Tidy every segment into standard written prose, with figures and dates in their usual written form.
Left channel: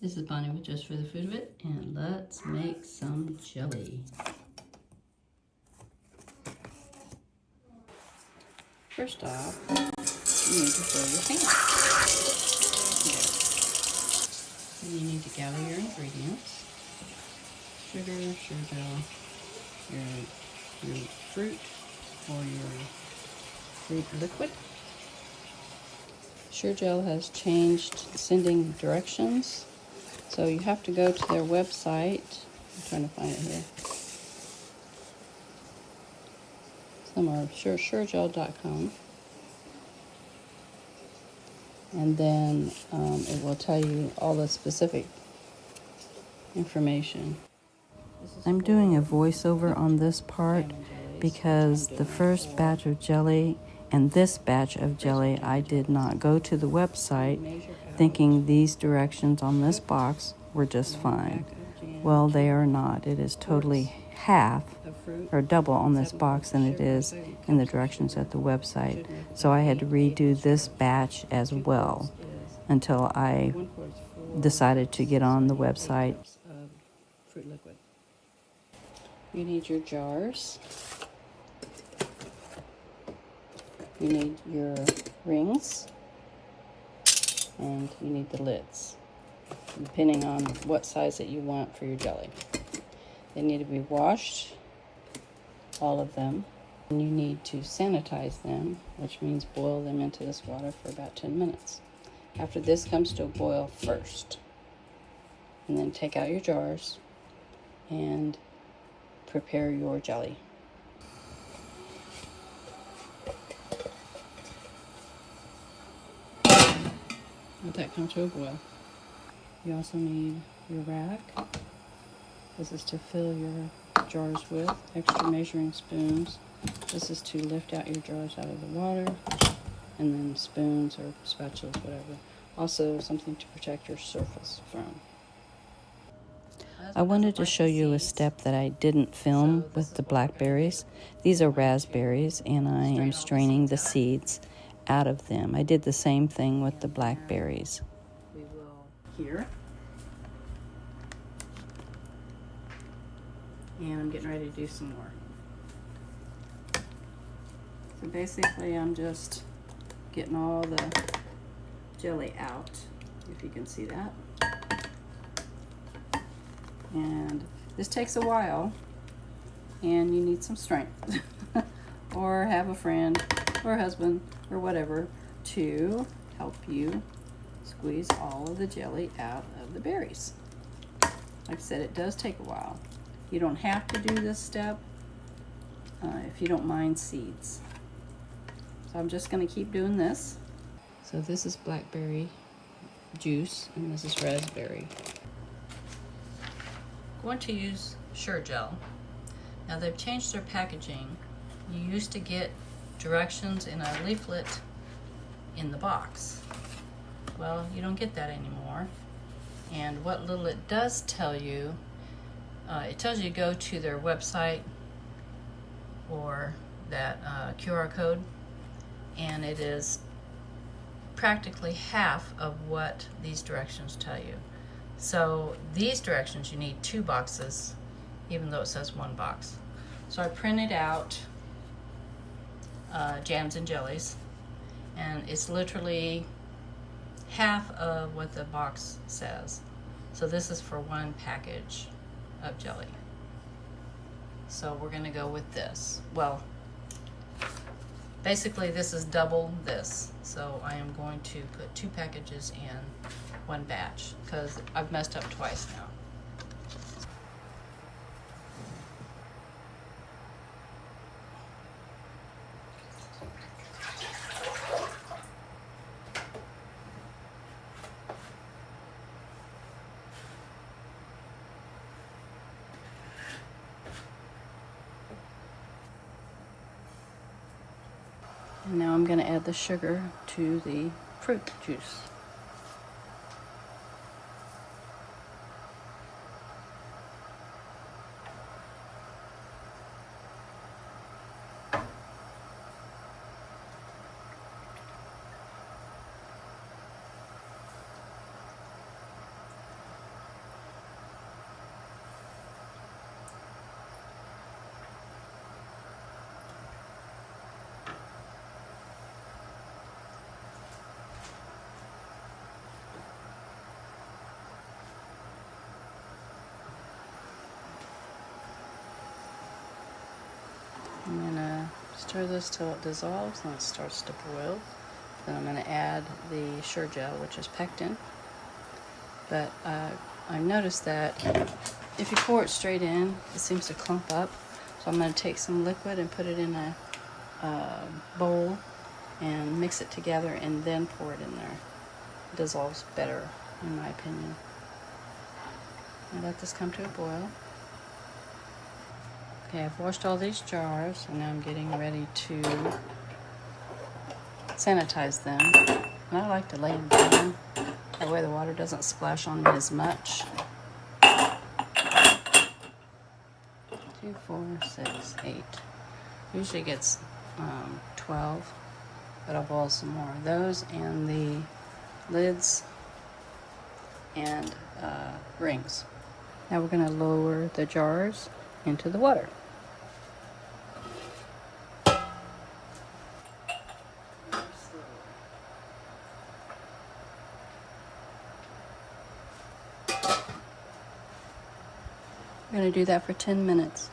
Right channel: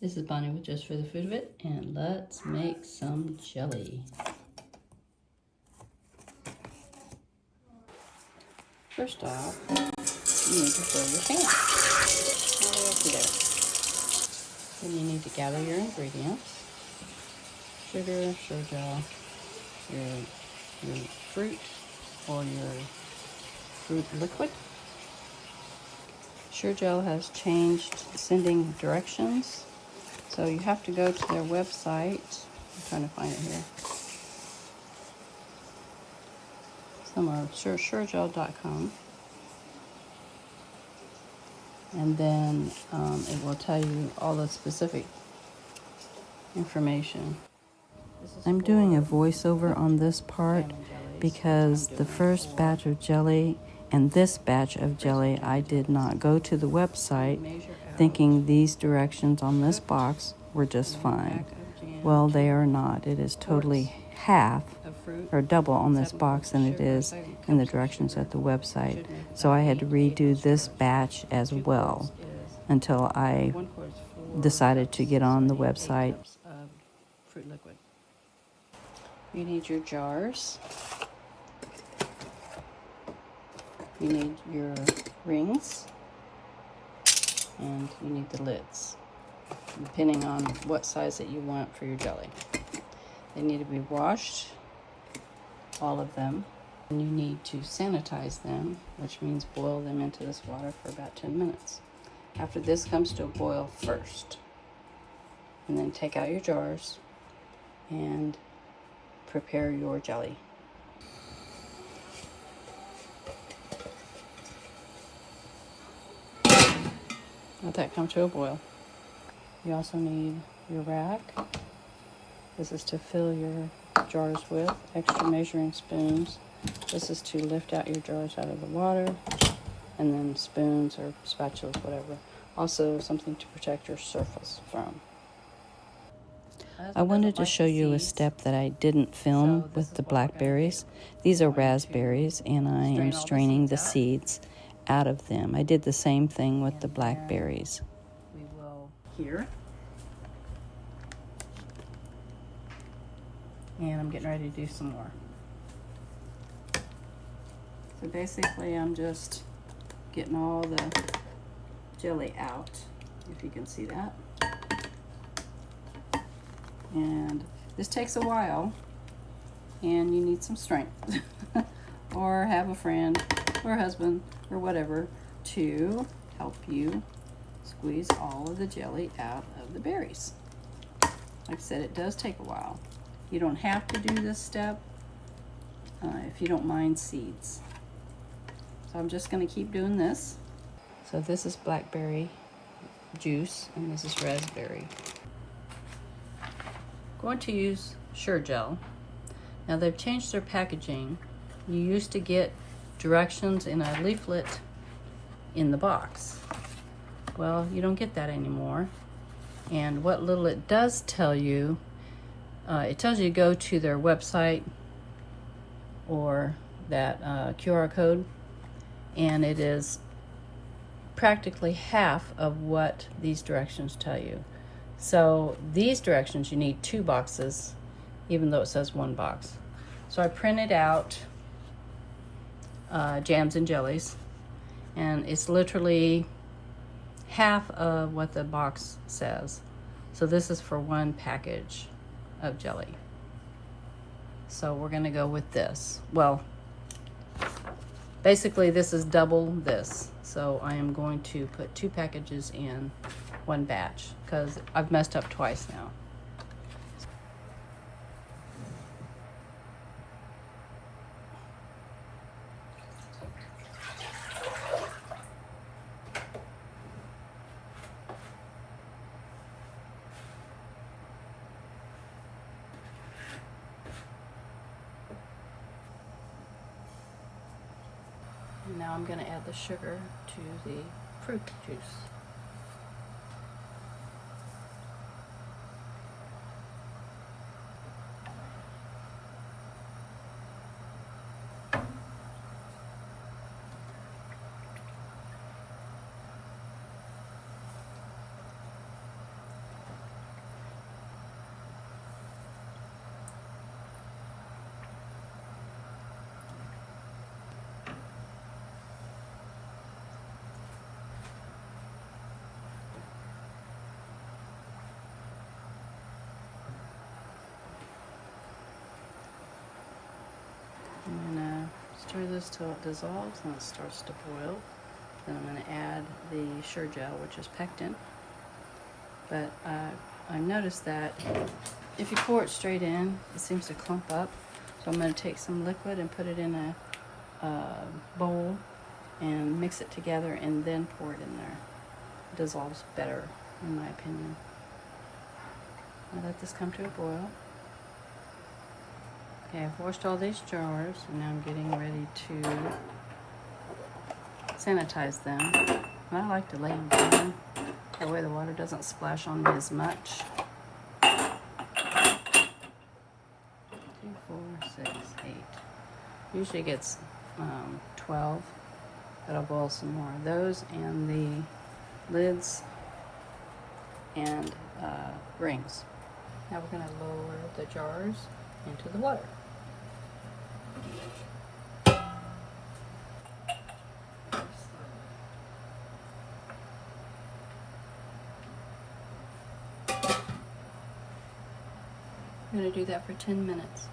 This is Bonnie with Just for the Food of It, and let's make some jelly. First off, you need to fill your pan. Then you need to gather your ingredients. Sugar, sugar gel, your fruit or your fruit liquid. Sure Gel has changed sending directions, so you have to go to their website. I'm trying to find it here. Somewhere, suregel.com. And then it will tell you all the specific information. I'm doing a voiceover on this part because the first batch of jelly and this batch of jelly, I did not go to the website thinking these directions on this box were just fine. Well, they are not. It is totally half or double on this box than it is in the directions at the website. So I had to redo this batch as well until I decided to get on the website. Fruit liquid. You need your jars. You need your rings. And you need the lids, depending on what size that you want for your jelly. They need to be washed, all of them. And you need to sanitize them, which means boil them into this water for about 10 minutes. After this comes to a boil first. And then take out your jars and prepare your jelly. Let that come to a boil. You also need your rack. This is to fill your jars with. Extra measuring spoons. This is to lift out your jars out of the water. And then spoons or spatulas, whatever. Also something to protect your surface from. I wanted to show you a step that I didn't film with the blackberries. These are raspberries, and I am straining the seeds out of them. I did the same thing with the blackberries. We will here. And I'm getting ready to do some more. So basically I'm just getting all the jelly out, if you can see that. And this takes a while, and you need some strength or have a friend or husband or whatever to help you squeeze all of the jelly out of the berries. Like I said, it does take a while. You don't have to do this step if you don't mind seeds. So I'm just going to keep doing this. So this is blackberry juice, and this is raspberry. Going to use Sure Gel. Now they've changed their packaging. You used to get directions in a leaflet in the box. Well, you don't get that anymore. And what little it does tell you, it tells you to go to their website or that QR code, and it is practically half of what these directions tell you. So these directions, you need 2 boxes, even though it says 1 box. So I printed out jams and jellies, and it's literally half of what the box says. So this is for 1 package of jelly. So we're gonna go with this. Well, basically this is double this. So I am going to put 2 packages in 1 batch because I've messed up twice now. And now I'm going to add the sugar to the fruit juice. Stir this till it dissolves and it starts to boil. Then I'm going to add the Sure Gel, which is pectin. But I've noticed that if you pour it straight in, it seems to clump up. So I'm going to take some liquid and put it in a bowl and mix it together and then pour it in there. It dissolves better, in my opinion. I'll let this come to a boil. Okay, I've washed all these jars and now I'm getting ready to sanitize them. And I like to lay them down. That way the water doesn't splash on me as much. 2, 4, 6, 8. Usually gets 12, but I'll boil some more. Those and the lids and rings. Now we're going to lower the jars into the water. We're going to do that for 10 minutes.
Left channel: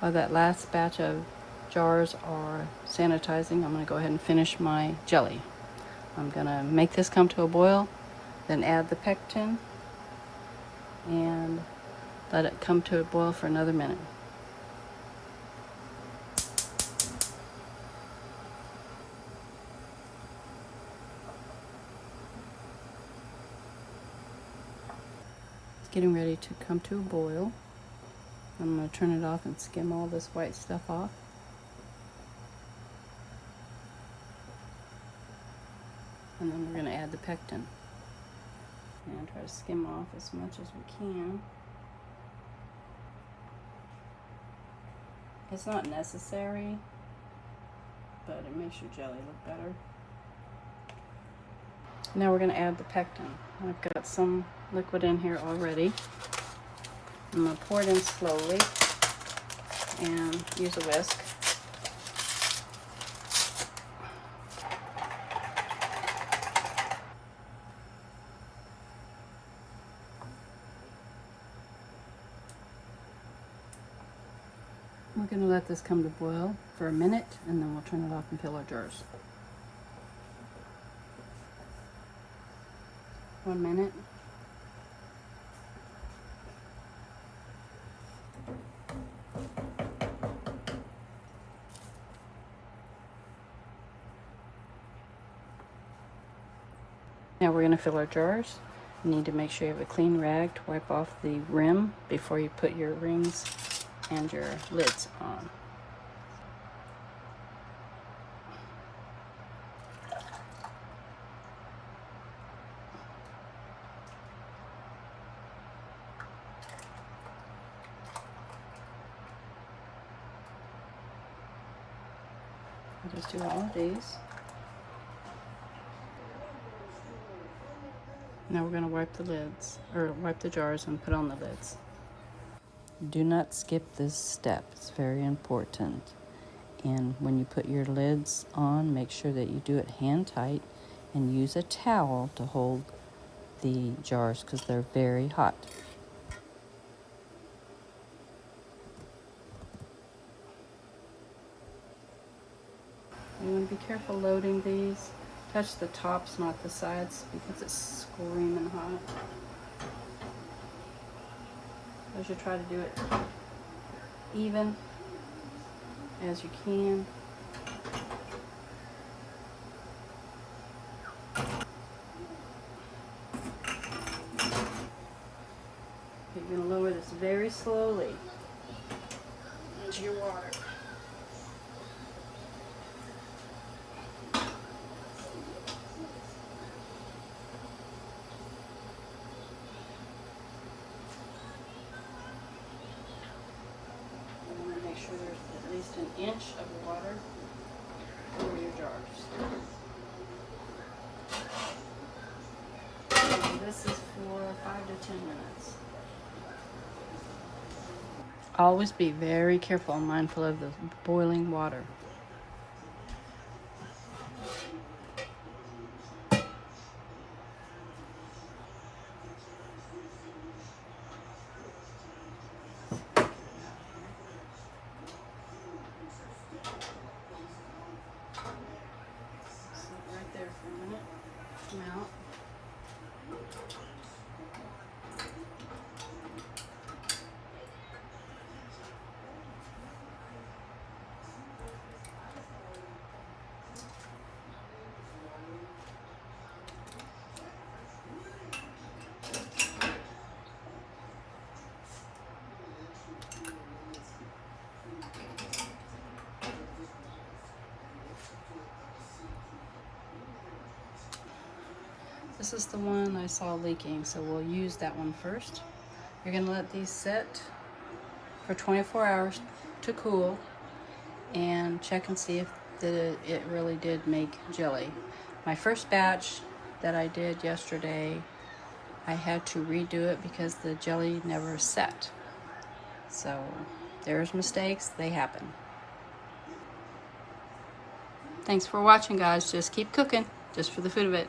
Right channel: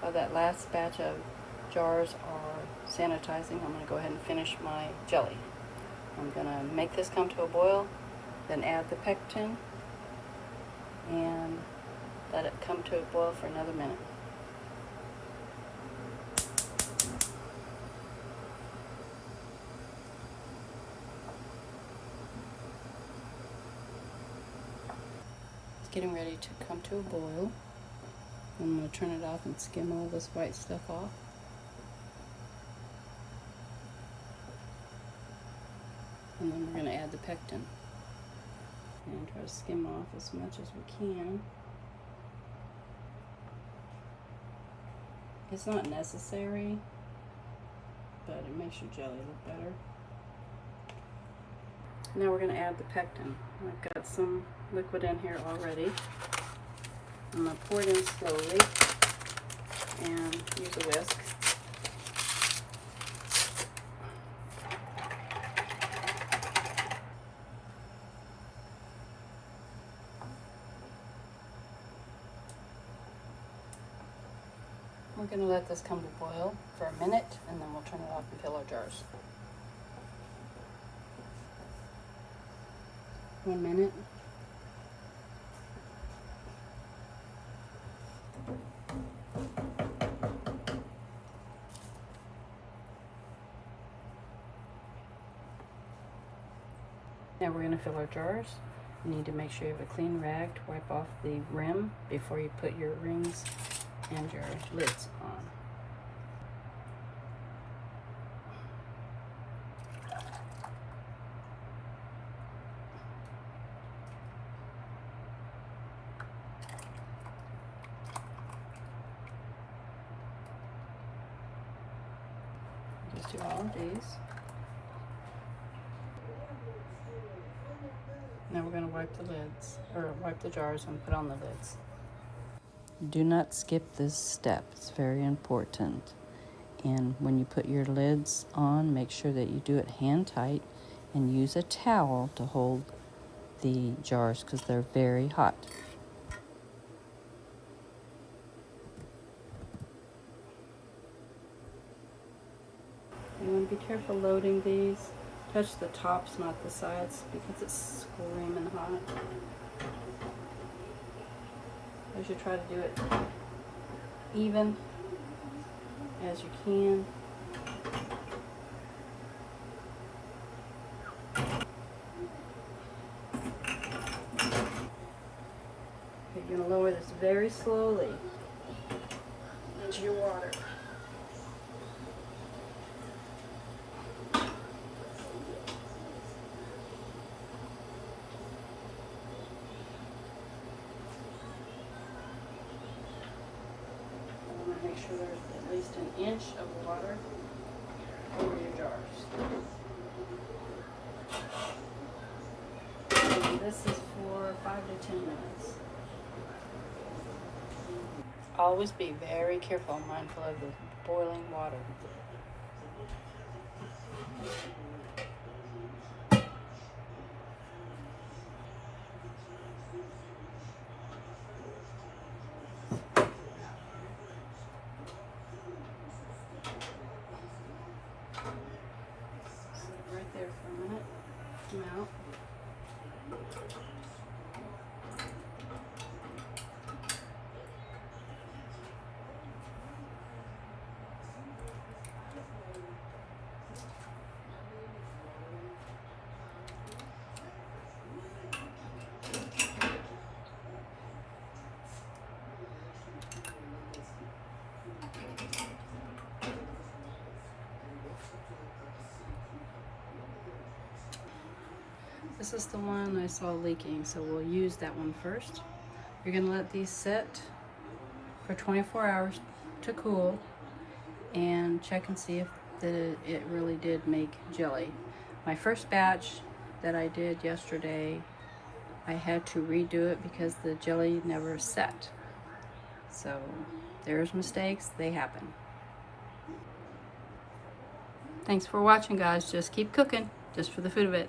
While that last batch of jars are sanitizing, I'm going to go ahead and finish my jelly. I'm going to make this come to a boil, then add the pectin, and let it come to a boil for another minute. It's getting ready to come to a boil. I'm going to turn it off and skim all this white stuff off. And then we're going to add the pectin. And try to skim off as much as we can. It's not necessary, but it makes your jelly look better. Now we're going to add the pectin. I've got some liquid in here already. I'm going to pour it in slowly and use a whisk. We're going to let this come to boil for a minute and then we'll turn it off and fill our jars. 1 minute. Now we're going to fill our jars. You need to make sure you have a clean rag to wipe off the rim before you put your rings and your lids on. Just do all of these. Now we're going to wipe the lids, or wipe the jars and put on the lids. Do not skip this step. It's very important. And when you put your lids on, make sure that you do it hand tight and use a towel to hold the jars because they're very hot. You want to be careful loading these. Touch the tops, not the sides, because it's screaming hot. I should try to do it even as you can. But you're going to lower this very slowly into your water. Make sure there's at least an inch of water over your jars. And this is for 5 to 10 minutes. Always be very careful and mindful of the boiling water. Right there for a minute. Come out. This is the one I saw leaking, so we'll use that one first. You're going to let these sit for 24 hours to cool and check and see if it really did make jelly. My first batch that I did yesterday, I had to redo it because the jelly never set. So there's mistakes, they happen. Thanks for watching, guys. Just keep cooking, just for the food of it.